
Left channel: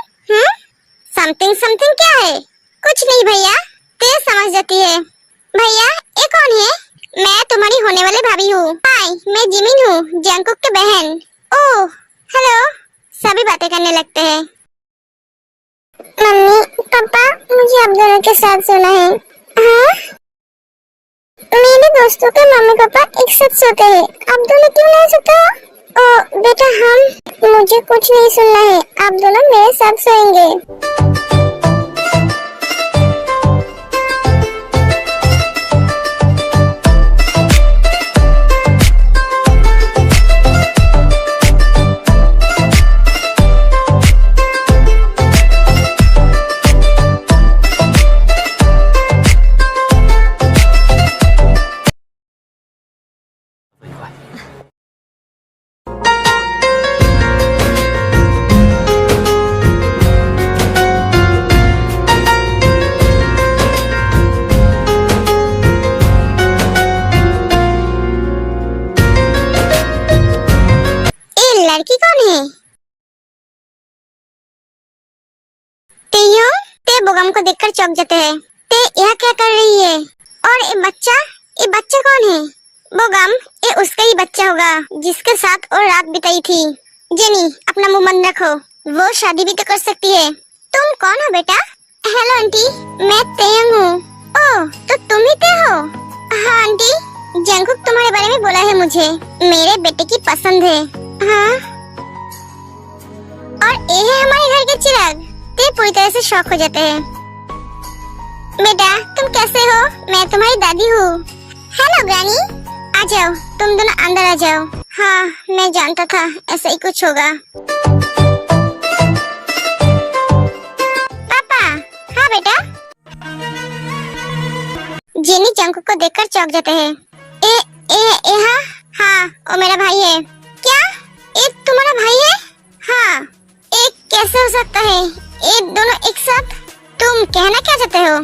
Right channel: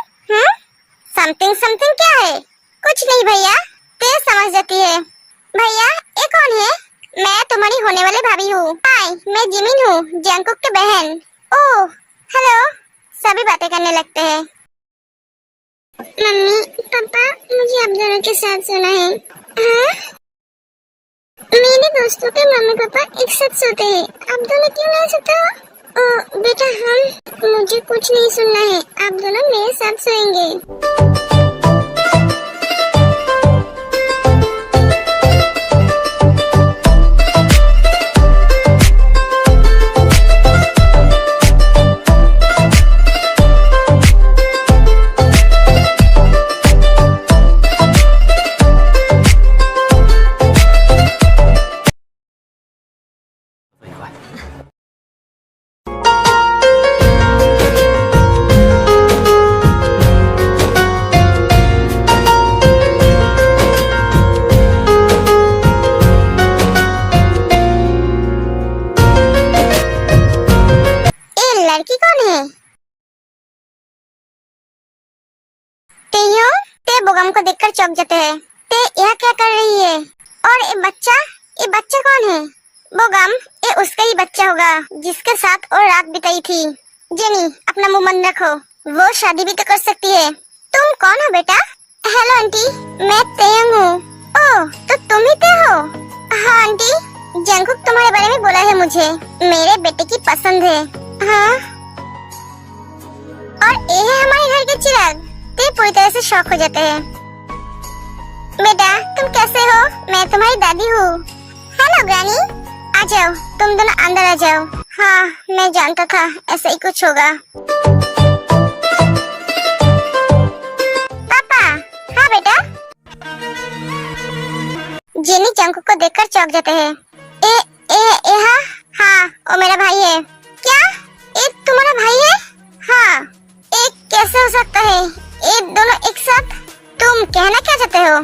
something something क्या है? कुछ नहीं भैया, ते समझ जाती है। भैया ये कौन है? मैं तुम्हारी होने वाली भाभी हूँ। हाय मैं जिमिन हूँ, जंकुक की बहन। Oh hello. सभी बातें करने लगते हैं। मम्मी पापा मुझे आप दोनों के साथ सोना है। हाँ मेरे दोस्तों के मम्मी पापा एक साथ सोते हैं, आप दोनों क्यों नहीं सोते हो? बेटा मुझे कुछ नहीं सुनना है, आप दोनों मेरे साथ सोएंगे। लड़की कौन है? ते बोगम को देखकर चौंक जाते हैं। ते यह क्या कर रही है? और ये बच्चा कौन है? बोगम, ये उसका ही बच्चा होगा जिसके साथ और रात बिताई थी। जेनी, अपना मुंह बंद रखो, वो शादी भी तो कर सकती है। तुम कौन हो बेटा? हेलो आंटी, मैं तेयंग हूँ। ओह, तो तुम ही ते हो? हाँ आंटी, जंगकुक तुम्हारे बारे में बोला है मुझे, मेरे बेटे की पसंद है। हाँ, और ये है हमारे घर के चिराग। ते पूरी तरह से शॉक हो जाते हैं। बेटा, तुम कैसे हो? मैं तुम्हारी दादी हूँ। हेलो ग्रैनी, आ जाओ, तुम दोनों अंदर आ जाओ। हाँ, मैं जानता था ऐसा ही कुछ होगा। पापा। हाँ बेटा। जेनी जंगकुक को देखकर चौंक जाते हैं। हाँ, वो मेरा भाई है। क्या? ये तुम्हारा भाई है? हाँ। एक कैसे हो सकता है? ये दोनों एक साथ? तुम कहना क्या चाहते हो?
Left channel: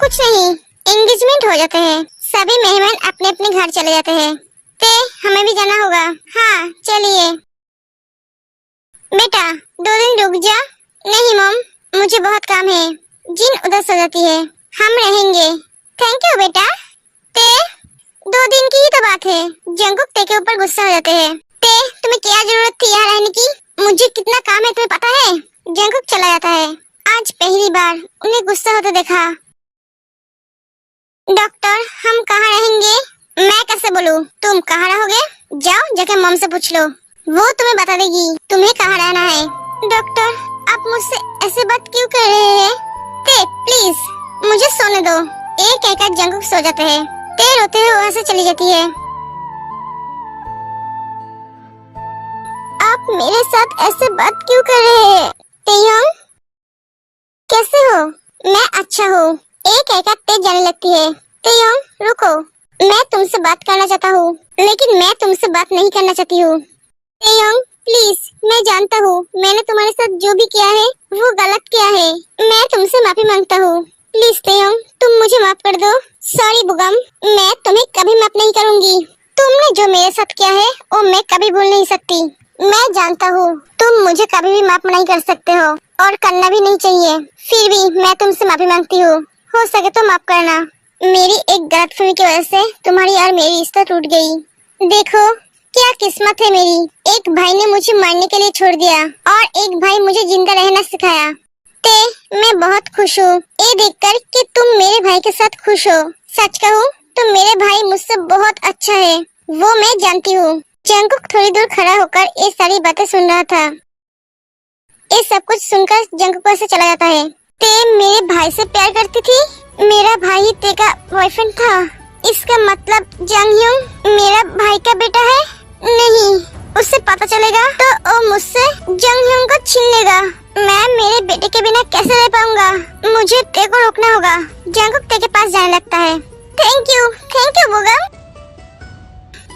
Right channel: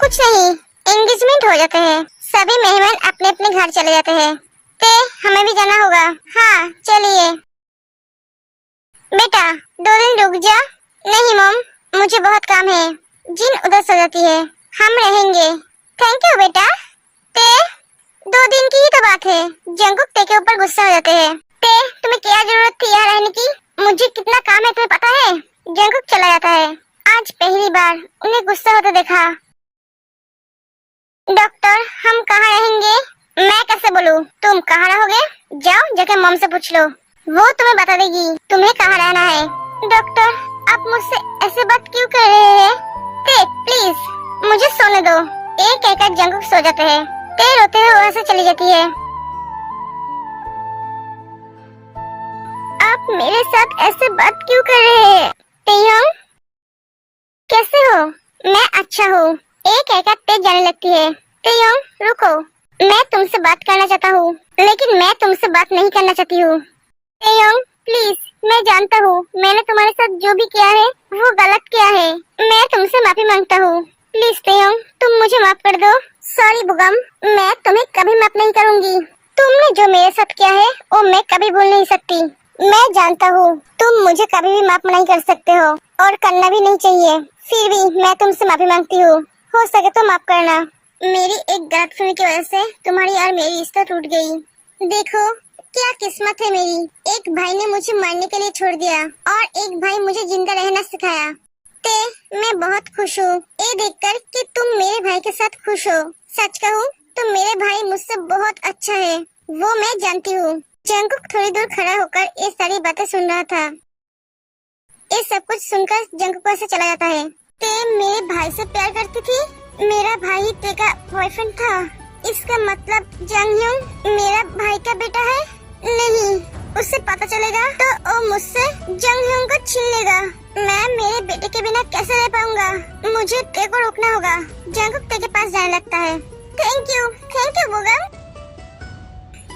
कुछ नहीं, एंगेजमेंट हो जाते हैं, सभी मेहमान अपने अपने घर चले जाते हैं। ते हमें भी जाना होगा। हाँ चलिए। बेटा 2 दिन रुक जा। नहीं मॉम, मुझे बहुत काम है। जिन उधर सो जाती है, हम रहेंगे। थैंक यू बेटा। ते 2 दिन की ही तो बात है। जंगकुक ते के ऊपर गुस्सा हो जाते हैं। ते तुम्हें क्या जरूरत थी यहाँ रहने की? मुझे कितना काम है तुम्हें पता है? जंगकुक चला जाता है। आज पहली बार उन्हें गुस्सा होते देखा। डॉक्टर, हम कहाँ रहेंगे? मैं कैसे बोलूं? तुम कहाँ रहोगे? जाओ जाके मॉम से पूछ लो, वो तुम्हें बता देगी तुम्हें कहाँ रहना है। डॉक्टर, आप मुझसे ऐसे बात क्यों कर रहे हैं? ते प्लीज मुझे सोने दो। एक कहकर जंगकुक सो जाते हैं। ते रोते हुए वहाँ से चली जाती है। आप मेरे साथ ऐसे बात क्यों कर रहे हैं? तेयोंग, कैसे हो? मैं अच्छा हूँ। एक कहकर ते जाने लगती है। तेयोंग रुको, मैं तुमसे बात करना चाहता हूँ, लेकिन मैं तुमसे बात नहीं करना चाहती हूँ। तेयोंग प्लीज, मैं जानता हूँ मैंने तुम्हारे साथ जो भी किया है वो गलत किया है। मैं तुमसे माफी मांगता हूँ। प्लीज तेयोंग, तुम मुझे माफ कर दो। सॉरी बुगम, मैं तुम्हें कभी माफ नहीं करूँगी। तुमने जो मेरे साथ किया है वो मैं कभी भूल नहीं सकती। मैं जानता हूँ तुम मुझे कभी भी माफ नहीं कर सकते हो और करना भी नहीं चाहिए, फिर भी मैं तुमसे माफी मांगती हूँ। हो सके तो माफ करना। मेरी एक गलतफहमी की वजह से तुम्हारी और मेरी रिश्ता टूट गई। देखो क्या किस्मत है मेरी, एक भाई ने मुझे मरने के लिए छोड़ दिया और एक भाई मुझे जिंदा रहना सिखाया। ते मैं बहुत खुश हूँ ये देखकर कि तुम मेरे भाई के साथ खुश हो। सच कहूँ तो मेरे भाई मुझसे बहुत अच्छा है, वो मैं जानती हूँ। जंगकुक थोड़ी दूर खड़ा होकर ये सारी बातें सुन रहा था। ये सब कुछ सुनकर जंगकुक से चला जाता है। ते मेरे भाई से प्यार करती थी? मेरा भाई ही ते का बॉयफ्रेंड था? इसका मतलब जंगह्यूंग मेरा भाई का बेटा है? नहीं, उससे पता चलेगा तो वो मुझसे जंगह्यूंग को छीन लेगा। मैं मेरे बेटे के बिना कैसे रह पाऊंगा? मुझे ते को रोकना होगा। जंगकुक ते के पास जाने लगता है। Thank you Bogum.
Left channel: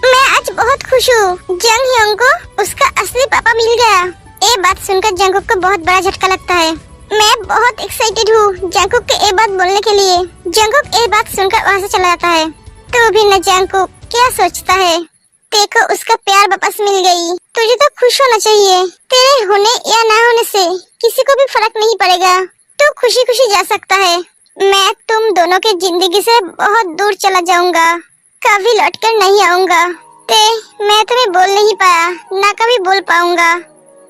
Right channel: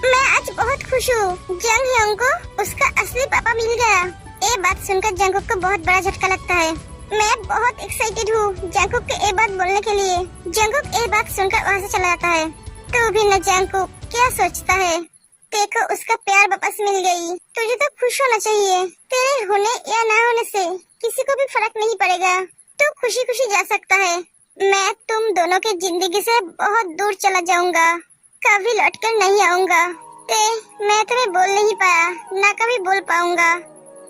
मैं आज बहुत खुश हूँ। जंगह्यूंग को उसका असली पापा मिल गया। ये बात सुनकर जंगकुक को बहुत बड़ा झटका लगता है। मैं बहुत एक्साइटेड हूँ जंगकुक के ये बात बोलने के लिए। जंगकुक ये बात सुनकर वहाँ से चला जाता है। तो भी न जंगकुक क्या सोचता है? देखो उसका प्यार वापस मिल गई। तुझे तो खुश होना चाहिए। तेरे होने या ना होने से किसी को भी फर्क नहीं पड़ेगा। तू खुशी खुशी जा सकता है। मैं तुम दोनों की जिंदगी से बहुत दूर चला जाऊंगा, कभी लौटकर नहीं आऊंगा। ते मैं तुम्हें बोल नहीं पाया, ना कभी बोल पाऊंगा।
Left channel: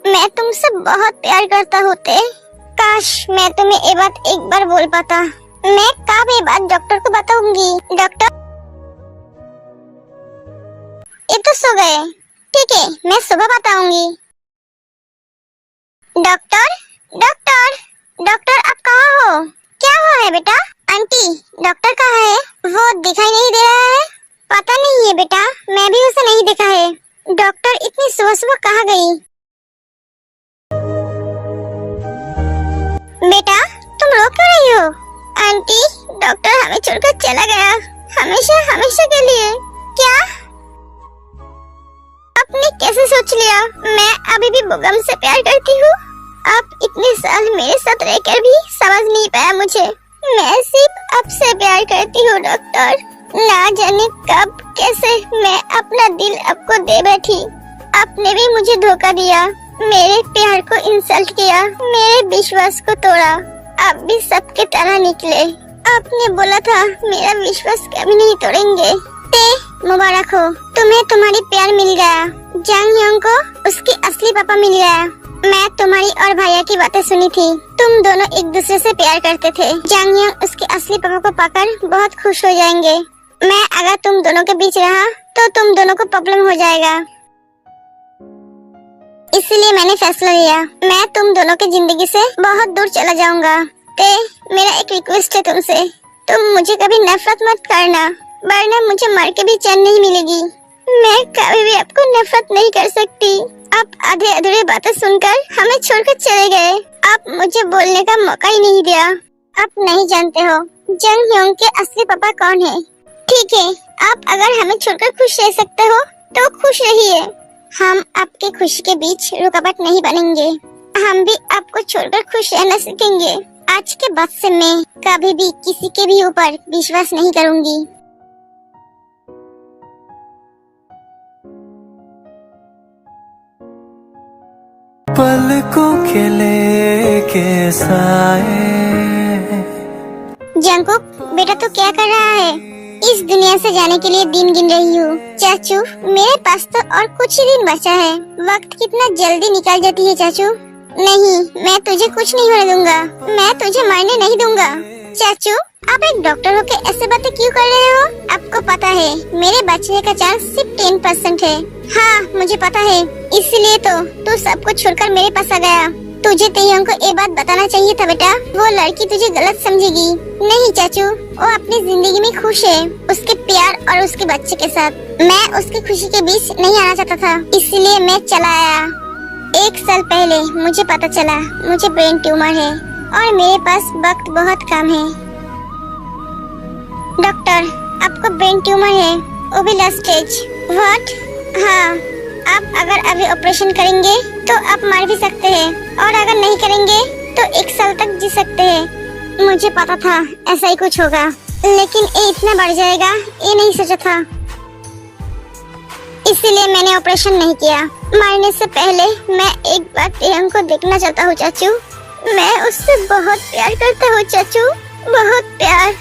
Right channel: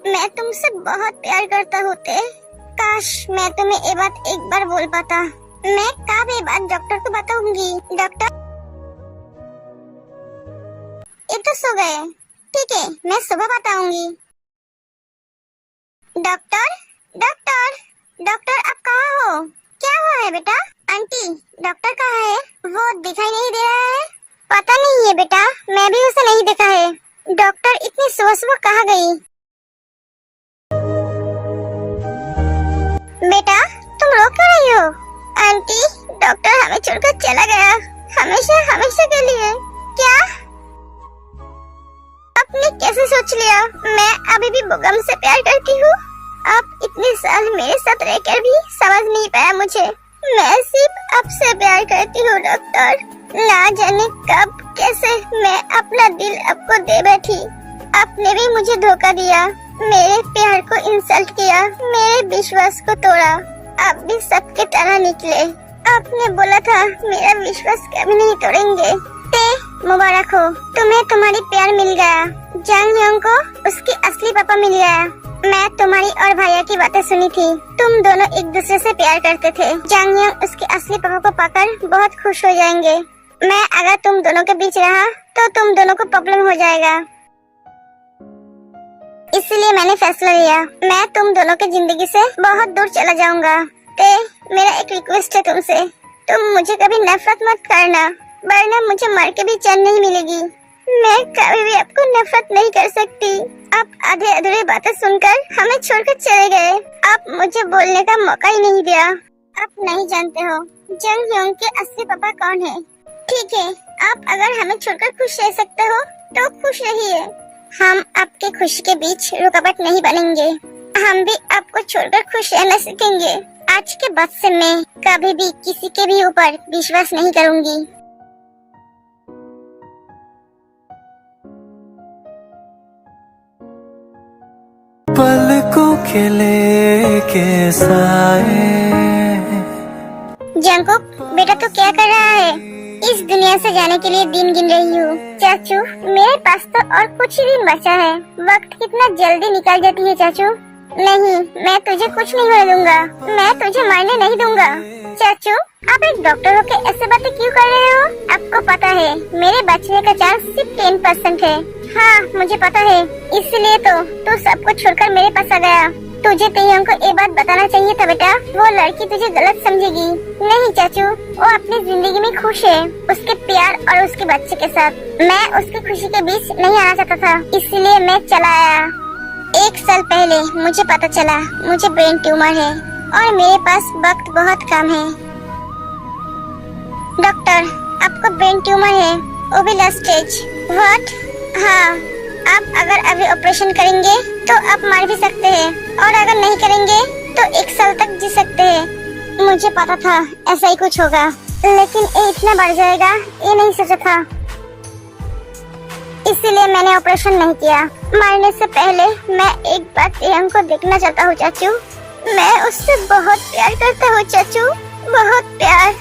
मैं तुमसे बहुत प्यार करता हूँ ते। काश मैं तुम्हें ये बात एक बार बोल पाता। मैं कब ये बात डॉक्टर को बताऊंगी। डॉक्टर, ये तो सो गए। ठीक है, मैं सुबह बताऊंगी। डॉक्टर, डॉक्टर, डॉक्टर आप कहाँ हो? क्या हुआ है बेटा? आंटी, डॉक्टर कहाँ है? वो दिखाई नहीं दे रहा है। पता नहीं है बेटा, मैं भी उसे नहीं देखा है। डॉक्टर इतनी सुबह सुबह कहाँ गई? बेटा तुम रो क्यों रही हो? आंटी, डॉक्टर हमें छोड़कर चला गया, हमेशा हमेशा के लिए। क्या? आपने कैसे सोच लिया? मैं अभी भी बुगम से प्यार करती हूँ। आप इतने साल मेरे साथ रहकर भी समझ नहीं पाया मुझे। मैं सिर्फ आपसे प्यार करती हूँ डॉक्टर। ना जाने कब कैसे मैं अपना दिल आपको दे बैठी। आपने भी मुझे धोखा दिया, मेरे प्यार को इंसल्ट किया, मेरे विश्वास को तोड़ा। आप भी सबके तरह निकले। आपने बोला था मेरा विश्वास कभी नहीं तोड़ेंगे। मुबारक हो, तुम्हें तुम्हारी प्यार मिल गया। जंग ह्योंग को उसकी असली पापा मिल गया। मैं तुम्हारी और भैया की बातें सुनी थी। तुम दोनों एक दूसरे से प्यार करते थे। जंग ह्योंग उसके असली पापा को पाकर बहुत खुश हो जाएंगे। मैं अगर तुम दोनों के बीच रहा तो तुम दोनों को प्रॉब्लम हो जाएगा। इसलिए मैंने फैसला लिया, मैं तुम दोनों की जिंदगी से बहुत दूर चला जाऊंगा। मेरा एक रिक्वेस्ट है तुमसे, तुम मुझे कभी नफरत मत करना, वरना मुझे मर के भी चैन नहीं मिलेगी। मैं कभी भी आपको नफरत नहीं कर सकती। आप आधे अधूरे बातें सुनकर हमें छोड़कर चले गए। आप मुझे बोलने का मौका ही नहीं दिया। आप नहीं जानते हो जंग ह्योंग के असली पापा कौन है। ठीक है, आप अगर हमें छोड़कर खुश रह सकते हो तो खुश रहिए। हम आपके खुशी के बीच रुकावट नहीं बनेंगे। हम भी आपको छोड़कर खुश रहना सीखेंगे। आज के बाद से मैं कभी भी किसी के भी ऊपर विश्वास नहीं करूंगी। पलकों के लेके साए। जंकुक बेटा तू क्या कर रहा है? इस दुनिया से जाने के लिए दिन गिन रही हूँ। चाचू मेरे पास तो और कुछ ही दिन बचा है। वक्त कितना जल्दी निकल जाती है चाचू। नहीं, मैं तुझे कुछ नहीं होने दूंगा। मैं तुझे मरने नहीं दूंगा। चाचू आप एक डॉक्टर होके ऐसे बातें क्यों कर रहे हो? आपको पता है मेरे बचने का चांस सिर्फ 10% है। हाँ मुझे पता है, इसलिए तो तू सब कुछ छोड़कर मेरे पास आ गया। तुझे तेयंग को ये बात बताना चाहिए था बेटा। वो लड़की तुझे गलत समझेगी। नहीं चाचू, वो अपनी जिंदगी में खुश है, उसके प्यार और उसके बच्चे के साथ। मैं उसकी खुशी के बीच नहीं आना चाहता था, इसलिए मैं चला आया। 1 साल पहले मुझे पता चला मुझे ब्रेन ट्यूमर है और मेरे पास वक्त बहुत कम है। डॉक्टर आपको ब्रेन ट्यूमर है, वो भी लास्ट स्टेज। व्हाट? हाँ, आप अगर अभी ऑपरेशन करेंगे तो आप मर भी सकते हैं और अगर नहीं करेंगे तो 1 साल तक जी सकते हैं। मुझे पता था ऐसा ही कुछ होगा, लेकिन ये इतना बढ़ जाएगा ये नहीं सोचा था, इसीलिए मैंने ऑपरेशन नहीं किया। मरने से पहले मैं एक बार तेयंग को देखना चाहता हूँ चाचू। मैं उससे बहुत प्यार करता हूँ चाचू, बहुत प्यार।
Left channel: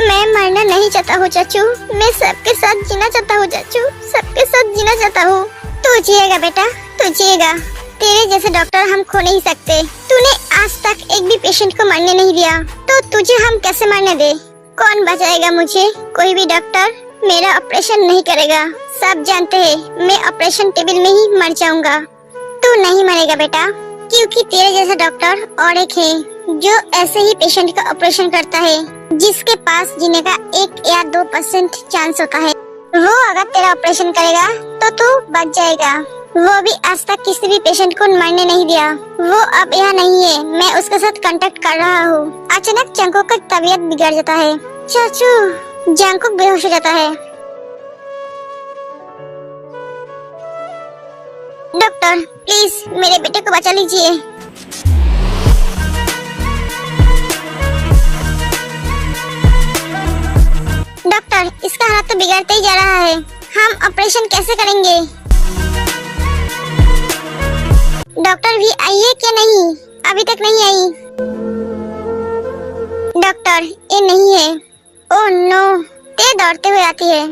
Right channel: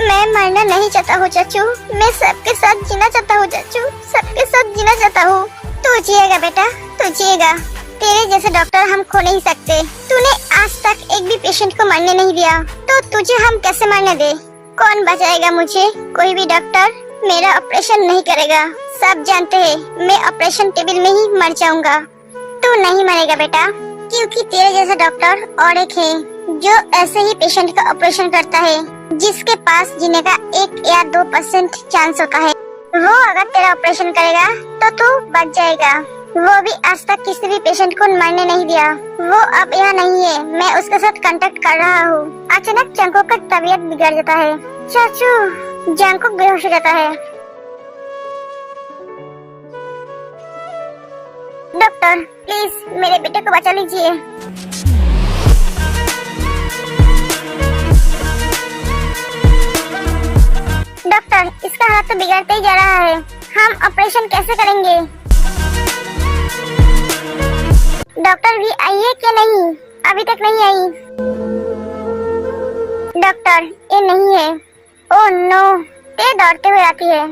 मैं मरना नहीं चाहता हूँ चाचू। मैं सबके साथ जीना चाहता हूँ चाचू, सबके साथ जीना चाहता हूँ। तू जिएगा बेटा, तू जिएगा। तेरे जैसे डॉक्टर हम खो नहीं सकते। तूने आज तक एक भी पेशेंट को मरने नहीं दिया, तो तुझे हम कैसे मरने दे? कौन बचाएगा मुझे? कोई भी डॉक्टर मेरा ऑपरेशन नहीं करेगा। सब जानते हैं मैं ऑपरेशन टेबल में ही मर जाऊंगा। तू नहीं मरेगा बेटा, क्योंकि तेरे जैसा डॉक्टर और एक है जो ऐसे ही पेशेंट का ऑपरेशन करता है, जिसके पास जीने का 1 या 2% चांस होता है। वो अगर तेरा ऑपरेशन करेगा तो तू बच जाएगा। वो भी आज तक किसी भी पेशेंट को मरने नहीं दिया। वो अब यहाँ नहीं है, मैं उसके साथ कांटेक्ट कर रहा हूँ। अचानक जंकुक का तबीयत बिगड़ जाता है। चाचू, जंकुक बेहोश हो जाता है। डॉक्टर प्लीज मेरे बेटे को बचा लीजिए। डॉक्टर इसका हालत तो बिगड़ते ही जा रहा है, हम ऑपरेशन कैसे करेंगे? डॉक्टर भी आई है क्या? नहीं, अभी तक नहीं आई। डॉक्टर ये नहीं है। ओह नो, ते दौड़ते हुए आती है।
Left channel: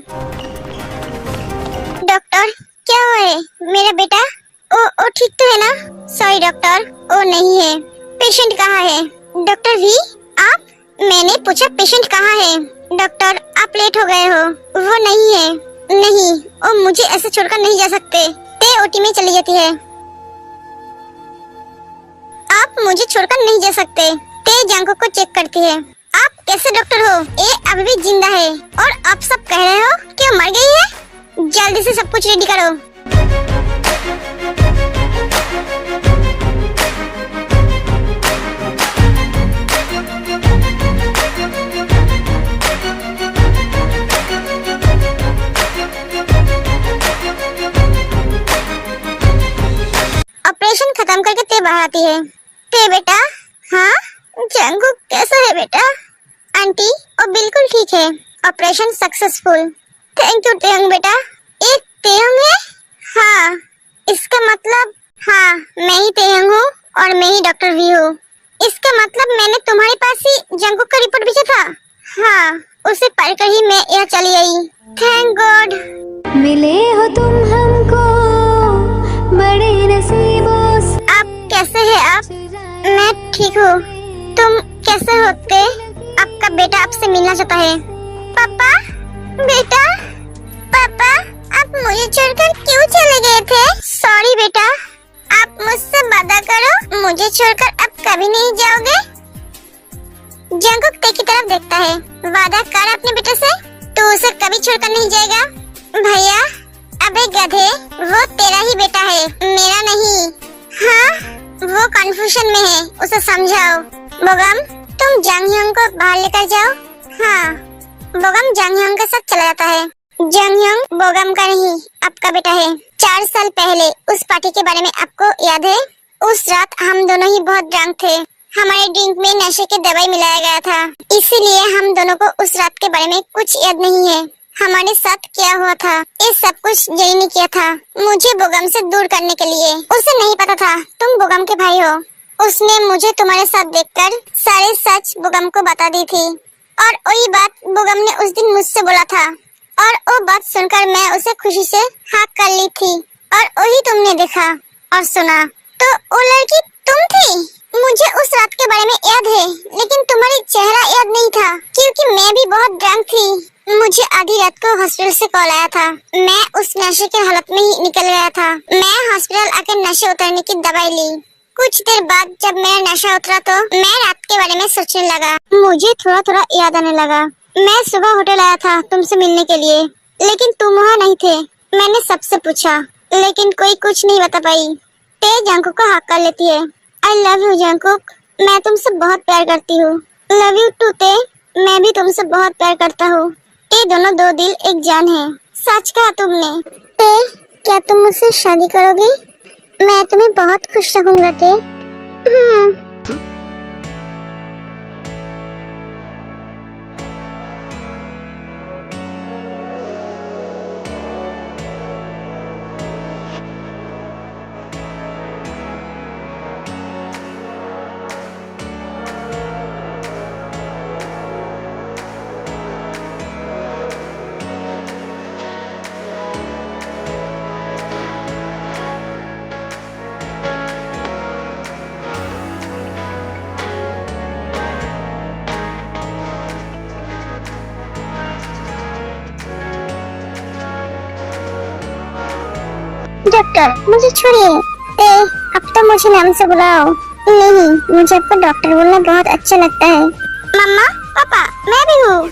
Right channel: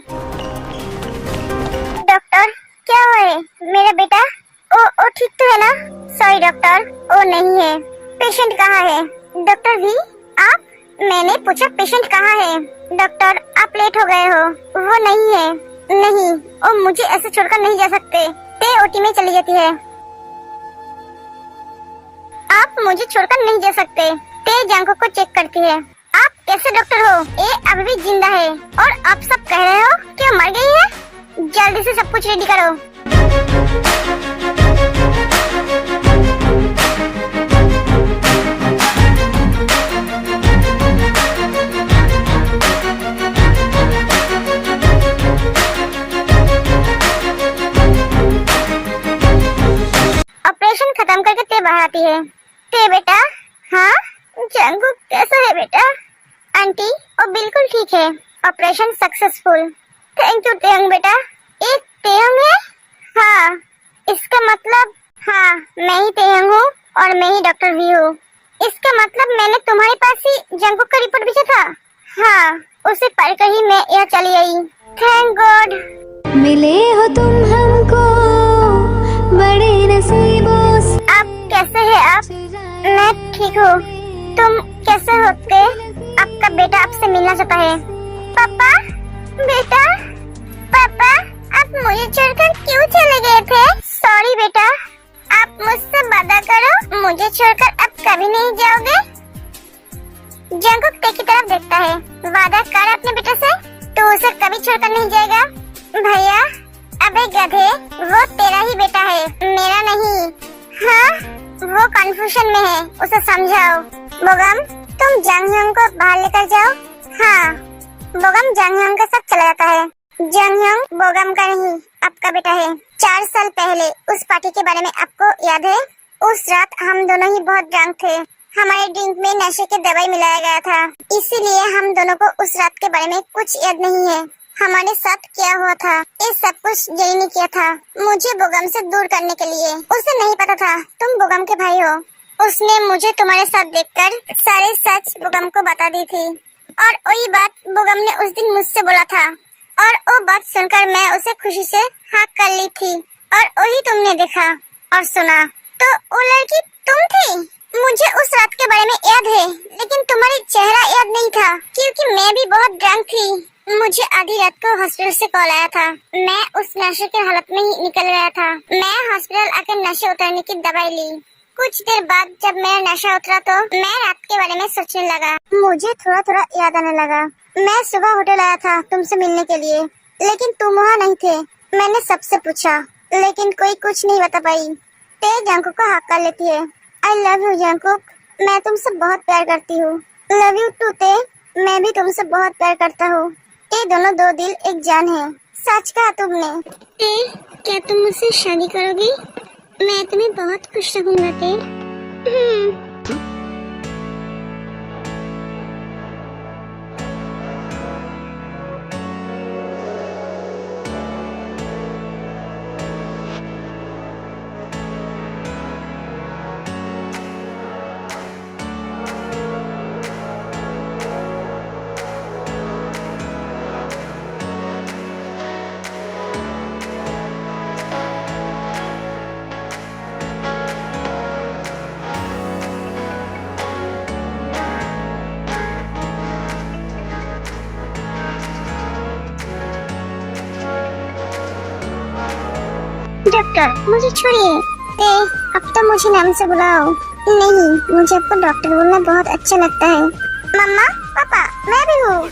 डॉक्टर क्या हुआ है? मेरा बेटा ओ ठीक तो है ना? सॉरी डॉक्टर, ओ नहीं है। पेशेंट कहाँ है? डॉक्टर वी आप? मैंने पूछा पेशेंट कहाँ है? डॉक्टर आप लेट हो गए हो। वो नहीं है। नहीं, ओ मुझे ऐसे छोड़कर नहीं जा सकते। ते ओटी में चली जाती है। आप मुझे छोड़कर नहीं जा सकते। ते जंकुक को चेक करती है। आप कैसे डॉक्टर हो? ये अभी भी जिंदा है और आप सब कह रहे हो कि वो मर गई है। जल्दी से सब कुछ रेडी करो। ऑपरेशन खत्म करके ते बाहर आती है। ते बेटा। हाँ जंकुक कैसा है बेटा? आंटी वो बिल्कुल ठीक है। Operation successful. थैंक यू तेहंग बेटा। एक तेहंग है? हाँ इसका मतलब हाँ मैं ही तेहंग हूँ और मैं ही डॉक्टर भी हूँ। इसका मतलब मैंने तुम्हारे पास ही जंकुक का रिपोर्ट भेजा था। हाँ उसे पढ़कर ही मैं यहाँ चली आई। Thank God. मिले हो तुम हमको बड़े नसीबों से। आप कैसे हैं आप? मैं ठीक हूँ। तुम कैसे होते? आपका बेटा आपसे मिलना चाहता है। पापा बेटा पापा आप मुझे छोड़कर क्यों चले गए थे? सॉरी बेटा। आप मुझसे वादा करो मुझे छोड़कर अब कभी नहीं जाओगे। जंकुक ते की तरफ देखता है। वादा कर अपने बेटे से, तू उसे कभी छोड़कर नहीं जाएगा। भैया अबे गधे वो तेरा ही बेटा है मेरा नहीं। हाँ वो कंफ्यूजन में है उसे समझाओ। बोगम तुम जंग ह्योंग को बाहर लेकर जाओ। हाँ बोगम जंग ह्योंग के साथ चला जाता है। जंग ह्योंग बोगम का नहीं आपका बेटा है। 4 साल पहले उस पार्टी के बारे में आपको याद है? उस रात हम दोनों ही बहुत ड्रंक थे। हमारे ड्रिंक में नशे की दवाई मिलाया गया था, इसीलिए हम दोनों को उस रात के बारे में कुछ याद नहीं है। हमारे साथ क्या हुआ था ये सब कुछ जय ने किया था मुझे बोगम से दूर करने के लिए। उसे नहीं पता था तुम बोगम के भाई हो। उसने मुझे तुम्हारे साथ देखकर सारे सच बोगम को बता दी थी और वही बात बोगम ने उस दिन मुझसे बोला था और वो बात सुनकर मैं उसे खुशी से हाँ कर ली थी और वही तुमने देखा और सुना। तो वो लड़की तुम थी? मुझे उस रात के बारे में याद है लेकिन तुम्हारी चेहरा याद नहीं था क्योंकि मैं भी बहुत ड्रंक थी। मुझे आधी रात को हॉस्पिटल से कॉल आया था। मैं उस नशे के हालत में ही निकल गया था। मैं हॉस्पिटल आकर नशे उतरने की दवाई ली। कुछ देर बाद जब मेरा नशा उतरा तो मैं रात के बारे में सोचने लगा। मुझे थोड़ा थोड़ा याद आने लगा। मैं सुबह होटल आया था तुमसे मिलने के लिए लेकिन तुम वहाँ नहीं थे। मैंने सबसे पूछा लेकिन कोई कुछ नहीं बता पाई। ते जंकुक को हक कर लेती है। आई लव यू जंकुक, मैं तुमसे बहुत प्यार करती हूँ। लव यू टू ते, मैं भी तुमसे बहुत प्यार करता हूँ। ये दोनों दो दिल एक जान है। सच कहा तुमने। ते क्या तुम मुझसे शादी करोगी? मैं तुम्हें बहुत खुश रखूंगा ते। डॉक्टर मुझे छोड़िए। ते अब तो मुझे नाम से बुलाओ। नहीं मुझे आपको डॉक्टर बोलना बहुत अच्छा लगता है। मम्मा पापा मैं भी हूँ।